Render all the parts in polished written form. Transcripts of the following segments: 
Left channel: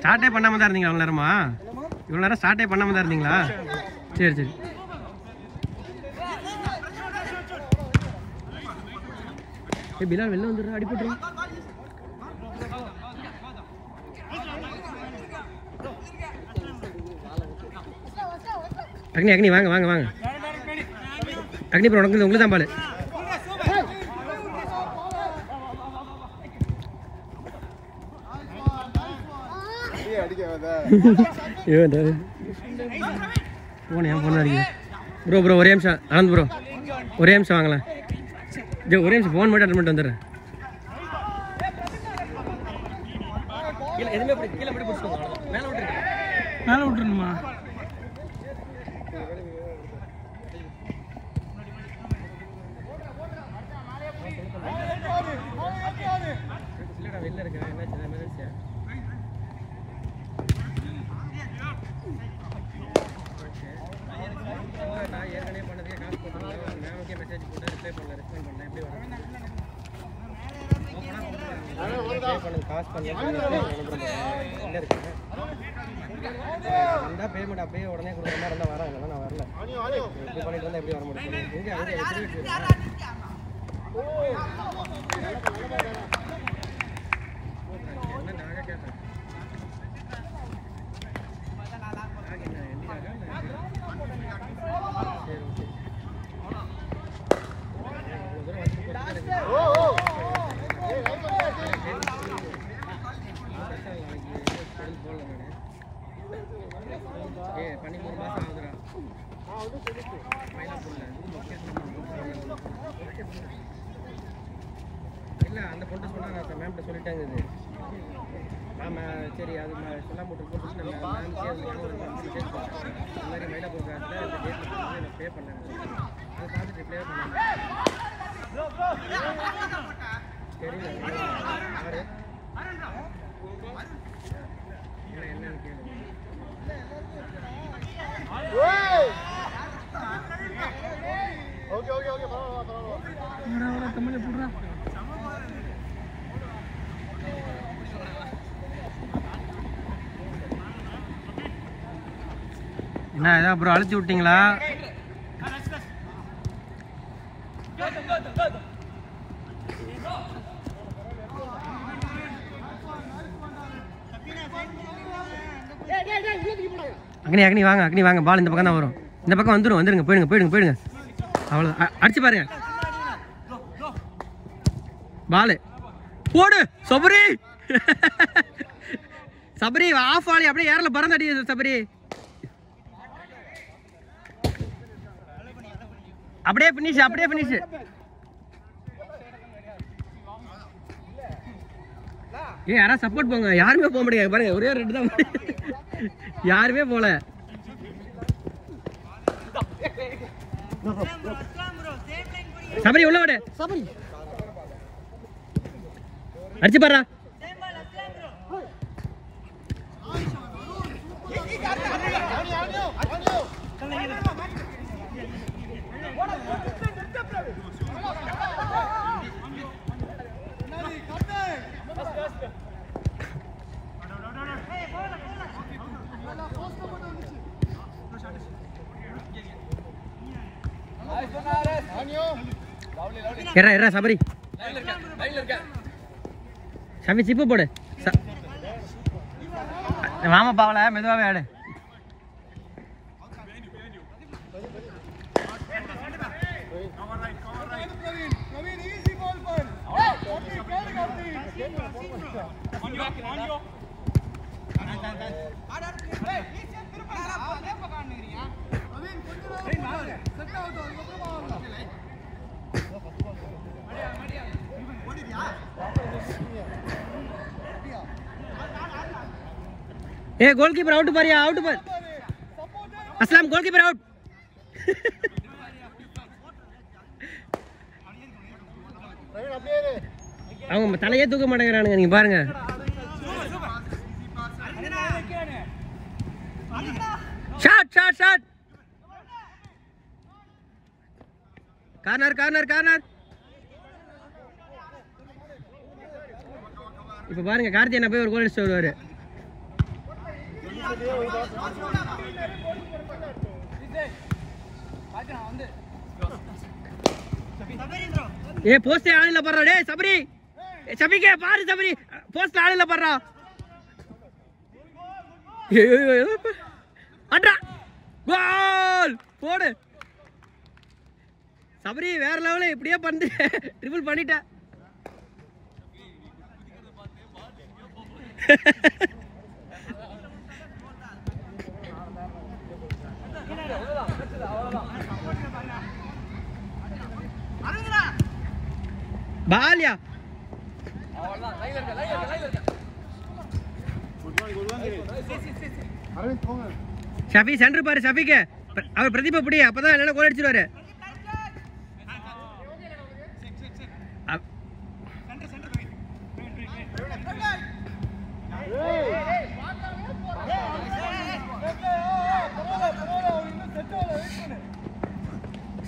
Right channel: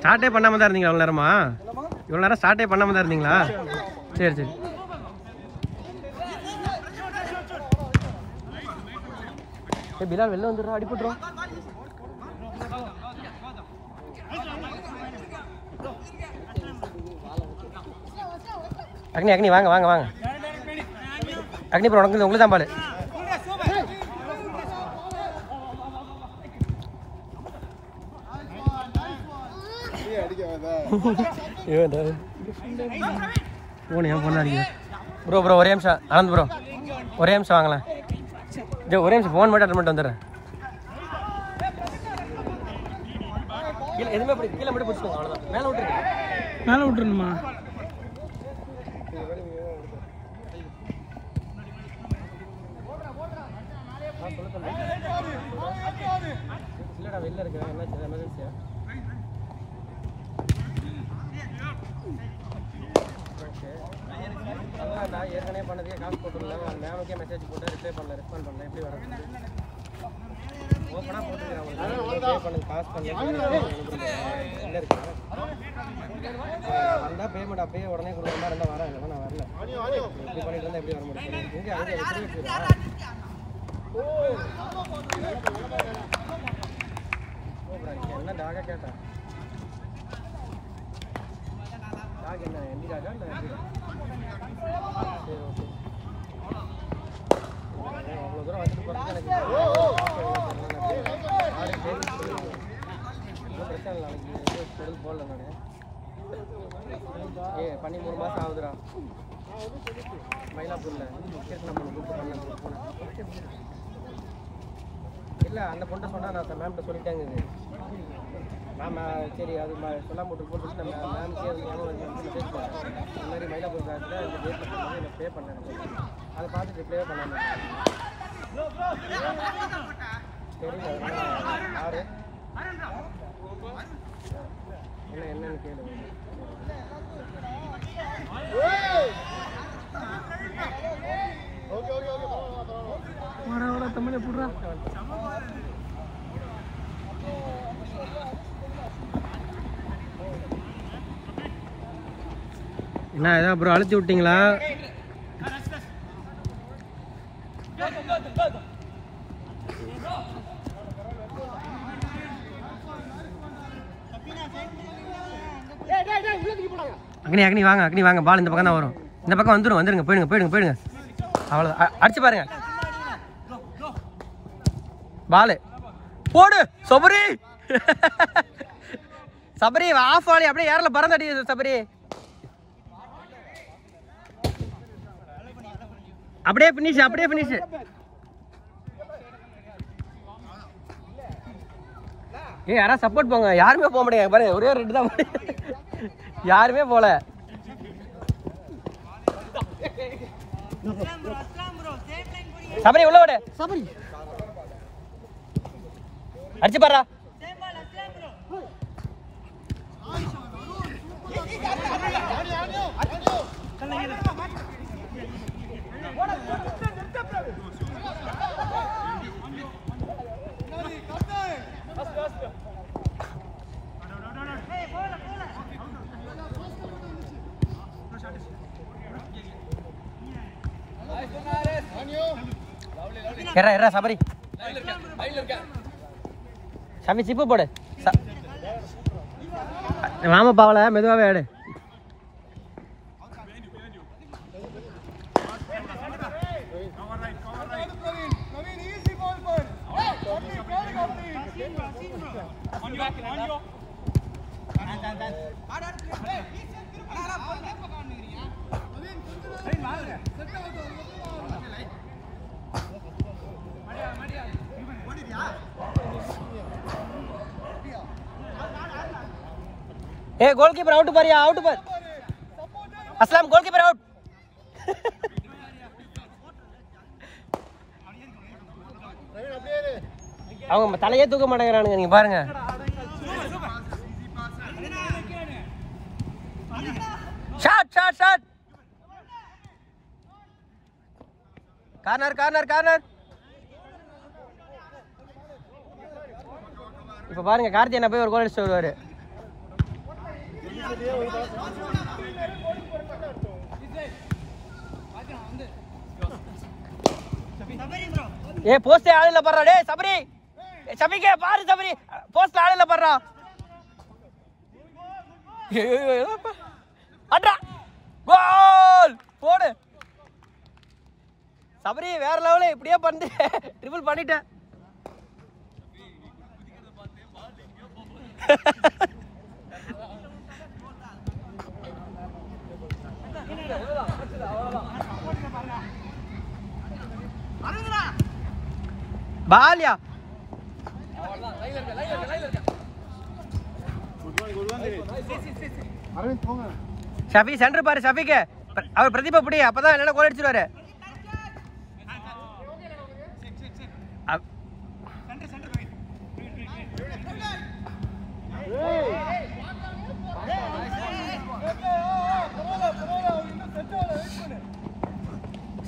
ஸ்டார்ட்டே பண்ணாம தான் இருந்தீங்க அவ்வளோ நேரமா? இவ்வளோ நேரம் ஸ்டார்ட்டே பண்ணாம தான் இருந்தீங்களா? சரி சரி. ஏ பிலால் வெளில வந்துடுறா, அடிபட்டுரும். அக்னி அக்னி வாங்க வாங்க வாங்க. அக்னி ப்ரோ உனக்கு உங்களுக்கு தான் பால். ப்ரோ ப்ரோ ஒரே நிமிஷம் ஆனந்த் ப்ரோ ஒரே நிமிஷம் வாங்கலாம். ஒரே நிமிஷம் ஃபோன் மட்டும் அட்டன் பண்ணிட்டு வந்துடுறேன். எதுவுமே கீழே மட்டும் பிடிச்சிக்கோங்க, அவ்வளோதான். மேலே விட்டுருங்க, மேலே விட்டுருங்கம்மா. இல்லைடா வெளில இருக்கேன், என்ன எமர்ஜென்சியா? ஏற்கனவே பண்ணதுக்கே காசு போட்டுருந்தேன். மேமுக்கே மெசேஜ் போட்டு ரிப்ளை பண்ணல, ரெஸ்பாண்ட் பண்ணல. எப்படி வரும்? காசு பண்ணல இருக்கு. பேமெண்ட் அப்பயே உடனே கொடுக்குற மாதிரி இருந்தால் வரேன், நான் வரல. எப்படி பண்ணிட்டு இருந்தால் எப்படி வர முடியும்? என்ன டாக கேட்டேன், டாக் என்ன எண்டி டாகா இல்லை? சரி ஓகே. அவ்வளோ தூரம் வந்துட்டு போகிறதுக்கு எனக்கு பொருள் போடல நான். ஏ பண்ணி 3 மாதம் ஆகுதுடா. மயிலாப்பூரில் இல்லை அந்த பொண்ணை சொன்னால் நான் மேம்கிட்ட சொல்லிட்டேங்க. இது மேம் சரி அது சொல்லாம போட்டு போட்டு நம்ம மேம்கே மெசேஜ் பண்ணேன். இந்த மாதிரி மயிலாப்பூர் பிரான்ச்சில் அந்த டேட்டில் எனக்கு பே பண்ணேன். அதை பார்த்துட்டு ரிப்ளே பண்ணாங்க. தெரியல யாரு என்ன என்னன்னு கேளு. என்ன ஏதாவது ப்ரோ அழுத்தி விட்டீங்களா? அக்னி அக்னி வாங்க, அக்னி வாங்க. பால் இந்த பக்கம் தான் வரும், இந்த பக்கம் வந்துடும். வந்துடுங்க, போயிடுங்க போயிடுங்க போயிடுங்க. அவ்வளோ அடிச்சு பாருங்க. பால் போடு சபரி. சபரி ஆஃப் ஆளி அப்படியே ஏர்ல பறந்து அடி சபரி. அப்படியே பினிஷ், அப்படியே பினிஷ். ஏ யாராவது சப்போர்ட் போங்க. யாருமே போக மாட்டேங்க பாரு, ஒரே ரெண்டு தான் யாருமே போல. சபரி உள்ள விட, சபரி அடிச்சு பாரு. எறா சபரி, சபரி சிப்பு போடு. மாமா பாவல மெதுவாவே ஆடு. ए गोलकीपर आउट पर, आउट पर. Aslam goalkeeper out. அவங்க தலையே தூக்க மாட்டேங்கிறானுங்க, நீங்க பாருங்க. Shot shot shot. Corner corner corner. இப்போ பாருங்க கார்த்தி என்ன போய் ஒரு கோல் அடிச்சு வருவாரு. ஏ போஸ்டே ஆள் இல்ல பண்றா டேய் சபரி சபிக்கே பாரு சபரி போஸ்ட் ஆள் இல்ல பண்றா அட்ரா கோல் போடு சபரி வேற லெவல் இப்படியே பண்ணு ட்ரிபிள் பண்ணிட்ட பாலியா ஷபி சென்டர் பாரு ஷபிக்கு அவர் பிரதீபா பிடி அப்பதான் என்ன கோல் அடிச்சிருவாரு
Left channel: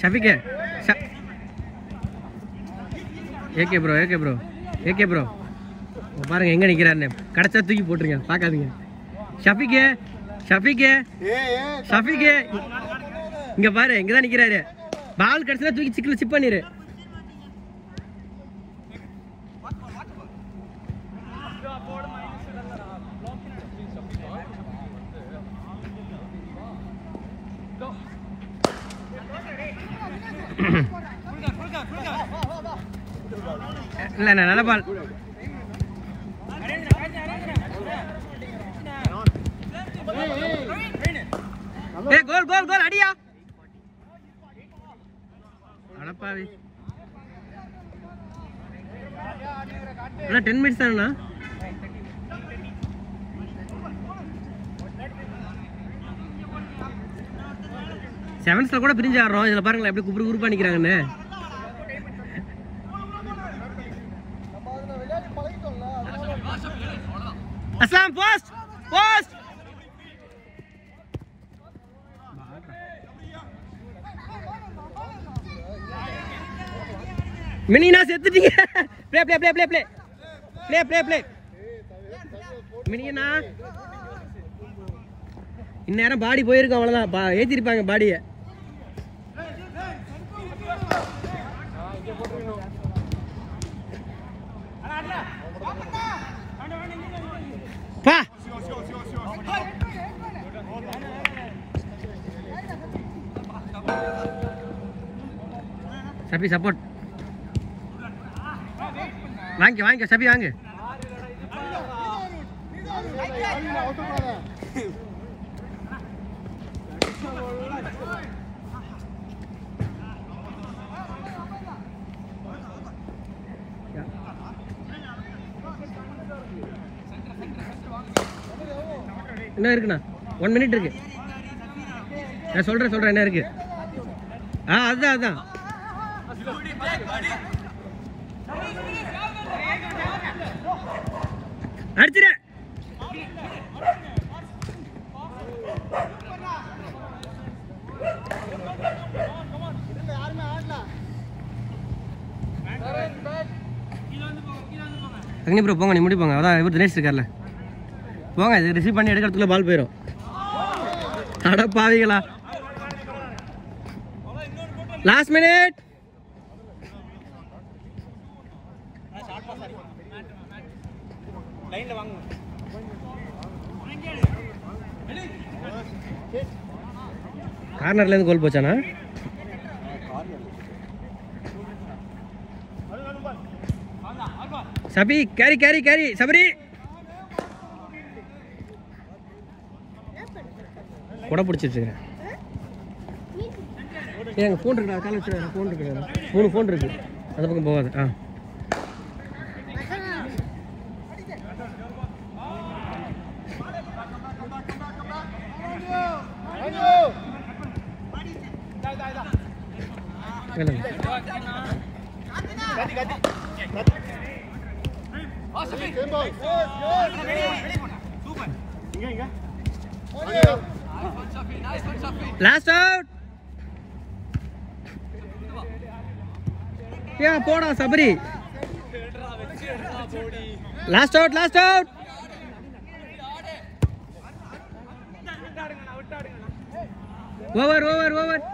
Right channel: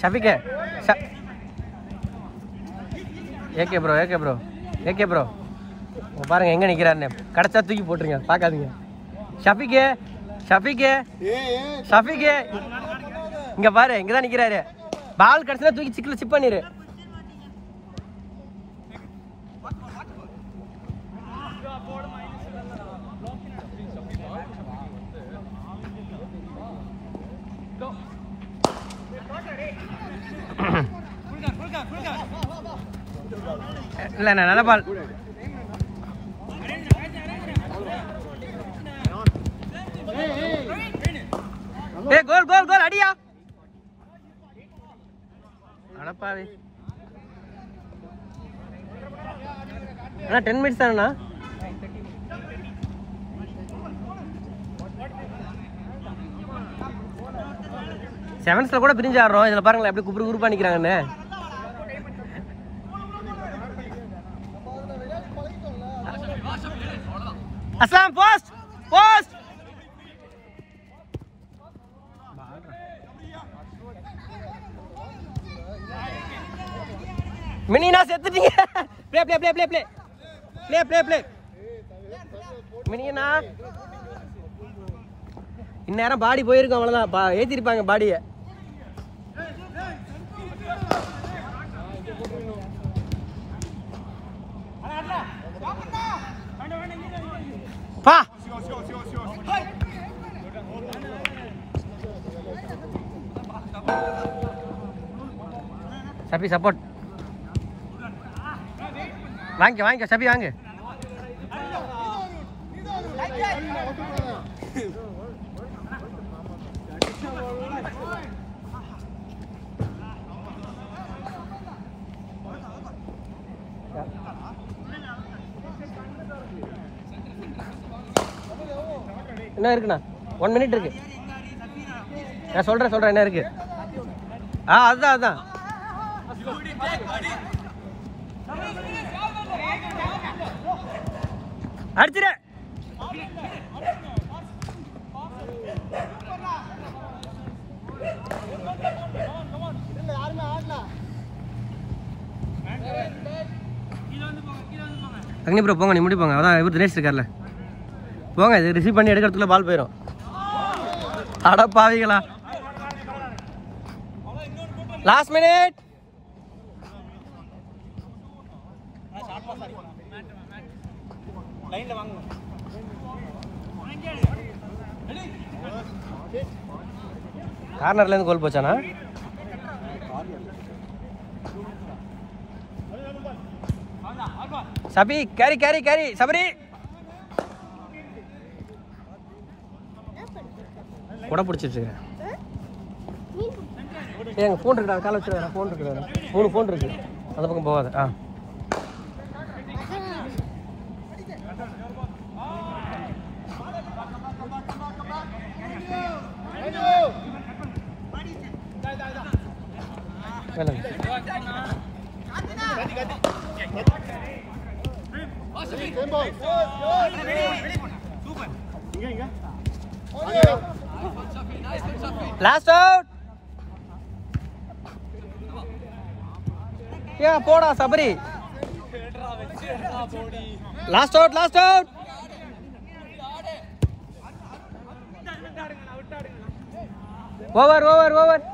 ஷபிக்கு ஏகே ப்ரோ பாருங்க எங்க நிக்கிறாருன்னு கடைச்சா தூக்கி போட்டுருங்க பாக்காதீங்க ஷபிகே இங்க பாரு இங்கதான் நிக்கிறாரு பால் கடைசியில தூக்கி சிக்கல சிப் பண்ணிரு இல்ல நல்ல பால் கோல் அடியா அடப்பாவி 10 மினிட்ஸ் தானா செவன்ஸ்ல கூட பிரிஞ்சு ஆடுறோம் இதுல பாருங்களேன் எப்படி குறுப்பா நிக்கிறாங்கன்னு அஸ்லாம் போஸ்ட் மினினா செத்துட்டீங்க ப்ளே மினினா இந்நேரம் பாடி போயிருக்கும் அவ்வளவுதான் ஏத்திருப்பாங்க பாடிய பா சபி சப்போர்ட் வாங்க சபி வாங்க என்ன இருக்குண்ணா 1 மினிட் இருக்கு நான் சொல்றேன் என்ன இருக்கு அதுதான் அடிச்சிரு அக்னி ப்ரோ போங்க நீ முடி போங்க அதான் இவர் தினேஷ் இருக்கார்ல போங்க இது ரிசீவ் பண்ணி எடுக்கிறதுக்குள்ள பால் போயிடும் அட பாவிகளா லாஸ்ட் மினிட் லைன்ல வாங்க கார்னர்ல இருந்து கோல் போச்சானா சபி கேரி சபரி கூட பிடிச்சிருச்சு எங்க போன் இருக்கு கால வச்சு போன் இருக்கு 3 போன் இருக்கு அந்த பக்கம் போகாது Last out. Yeah, poda Sabri. Last out. Over over over